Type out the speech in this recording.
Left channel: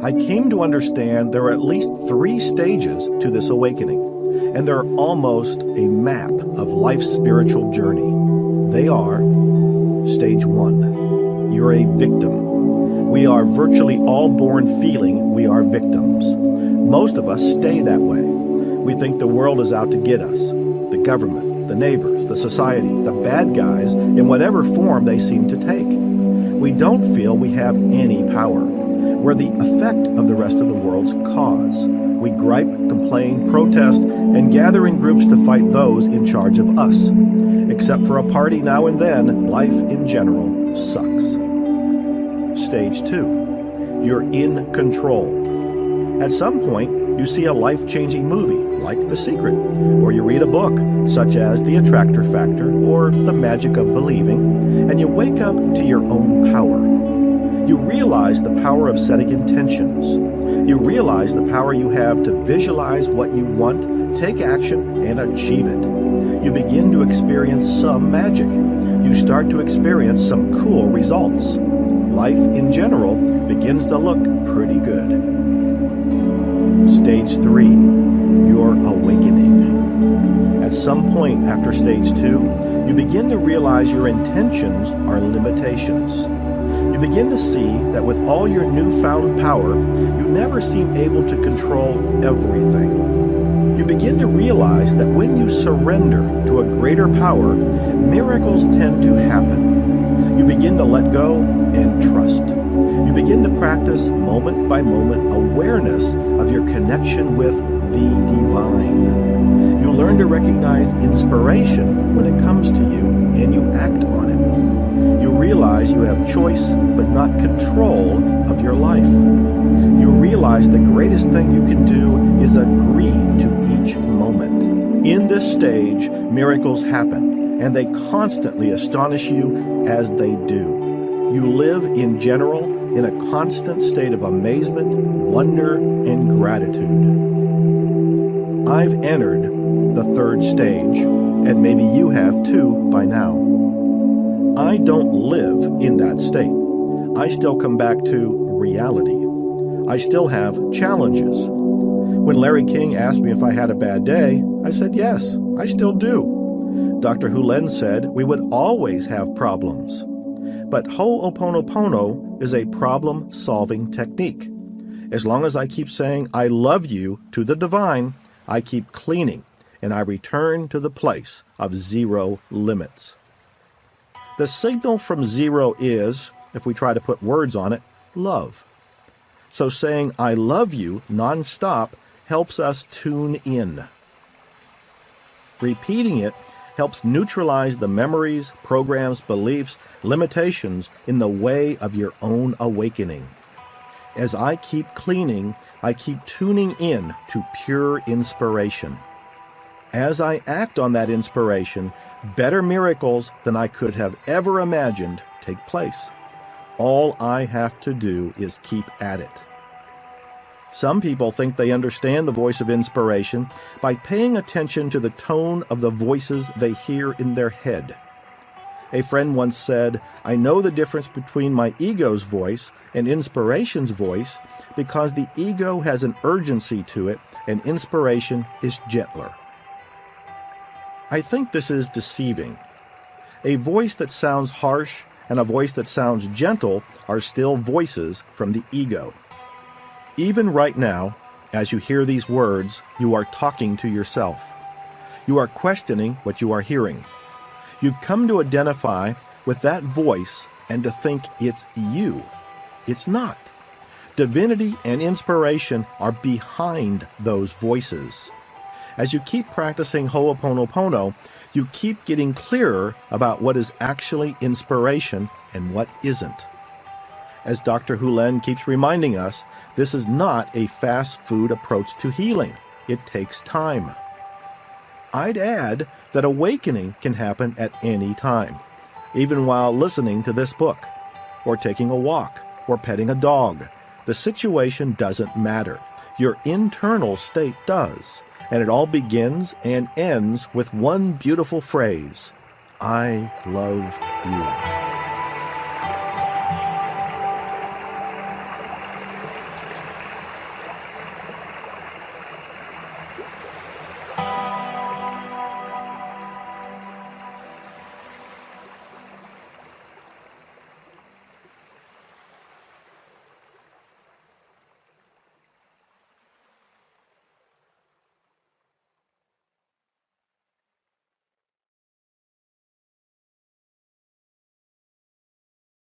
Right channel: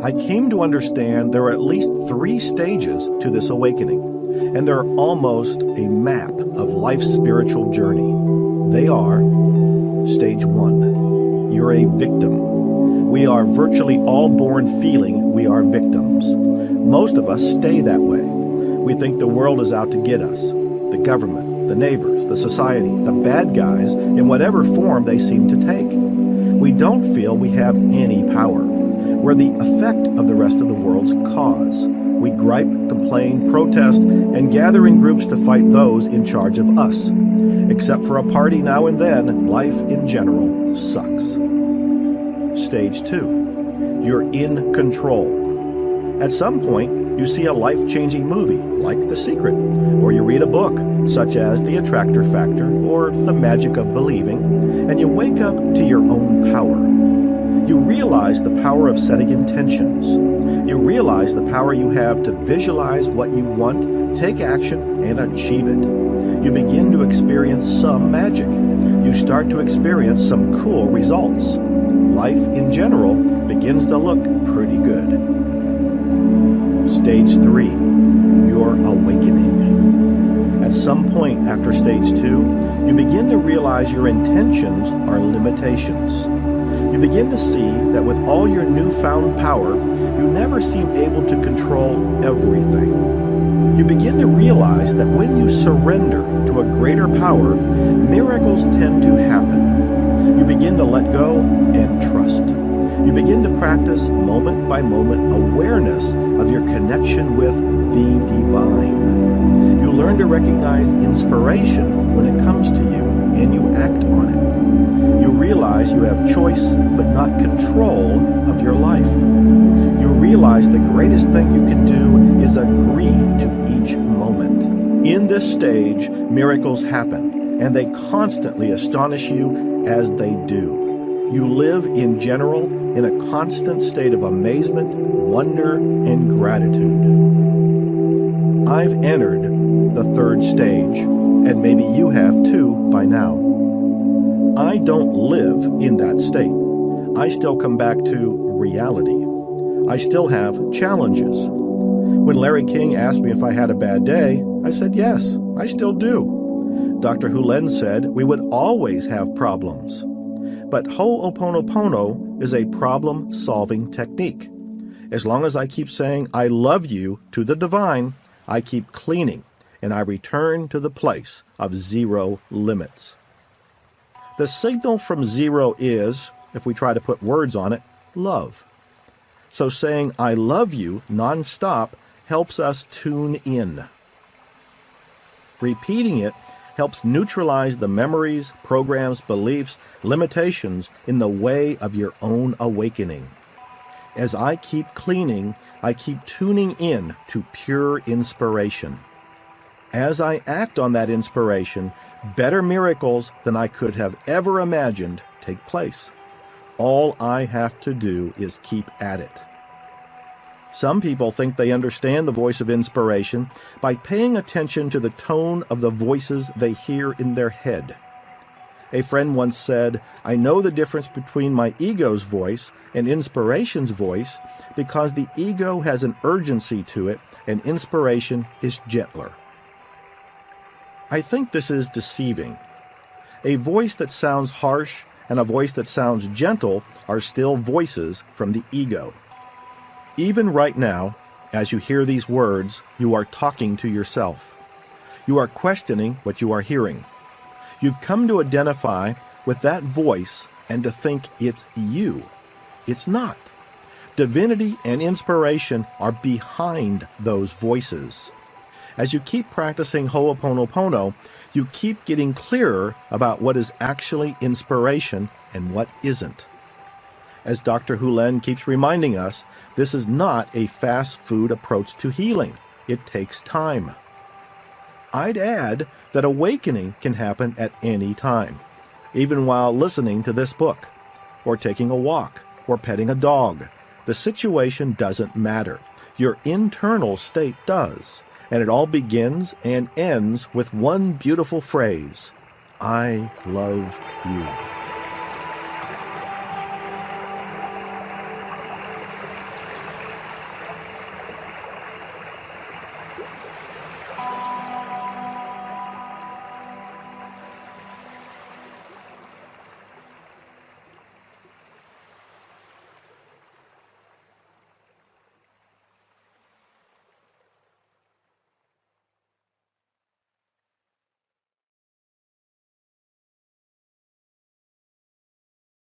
I came to understand there are at least 3 stages to this awakening, and they're almost a map of life's spiritual journey. They are: Stage 1, you're a victim. We are virtually all born feeling we are victims. Most of us stay that way. We think the world is out to get us. The government, the neighbors, the society, the bad guys, in whatever form they seem to take. We don't feel we have any power. We're the effect of the rest of the world's cause. We gripe, complain, protest, and gather in groups to fight those in charge of us. Except for a party now and then, life in general sucks. Stage 2. You're in control. At some point, you see a life-changing movie, like The Secret, or you read a book, such as The Attractor Factor or The Magic of Believing, and you wake up to your own power. You realize the power of setting intentions. You realize the power you have to visualize what you want, take action, and achieve it. You begin to experience some magic. You start to experience some cool results. Life in general begins to look pretty good. Stage 3, you're awakening. At some point after Stage 2, you begin to realize your intentions are limitations. You begin to see that with all your newfound power, you never seem able to control everything. You begin to realize that when you surrender to a greater power, miracles tend to happen. You begin to let go and trust. You begin to practice moment-by-moment awareness of your connection with the divine. You learn to recognize inspiration when it comes to you, and you act on it. You realize you have choice but not control of your life. You realize the greatest thing you can do is agree to each moment. In this stage, miracles happen, and they constantly astonish you as they do. You live in general in a constant state of amazement, wonder, and gratitude. I've entered the 3rd stage, and maybe you have too by now. I don't live in that state. I still come back to reality. I still have challenges. When Larry King asked me if I had a bad day, I said yes, I still do. Dr. Hulen said we would always have problems. But Ho'oponopono is a problem-solving technique. As long as I keep saying I love you to the divine, I keep cleaning, and I return to the place of zero limits. The signal from zero is, if we try to put words on it, love. So saying I love you nonstop helps us tune in. Repeating it helps neutralize the memories, programs, beliefs, limitations in the way of your own awakening. As I keep cleaning, I keep tuning in to pure inspiration. As I act on that inspiration, better miracles than I could have ever imagined take place. All I have to do is keep at it. Some people think they understand the voice of inspiration by paying attention to the tone of the voices they hear in their head. A friend once said, I know the difference between my ego's voice and inspiration's voice because the ego has an urgency to it and inspiration is gentler. I think this is deceiving. A voice that sounds harsh and a voice that sounds gentle are still voices from the ego. Even right now, as you hear these words, you are talking to yourself. You are questioning what you are hearing. You've come to identify with that voice and to think it's you. It's not. Divinity and inspiration are behind those voices. As you keep practicing Ho'oponopono, you keep getting clearer about what is actually inspiration and what isn't. As Dr. Hulen keeps reminding us, this is not a fast food approach to healing. It takes time. I'd add that awakening can happen at any time, even while listening to this book, or taking a walk, or petting a dog. The situation doesn't matter. Your internal state does, and it all begins and ends with one beautiful phrase: I love you.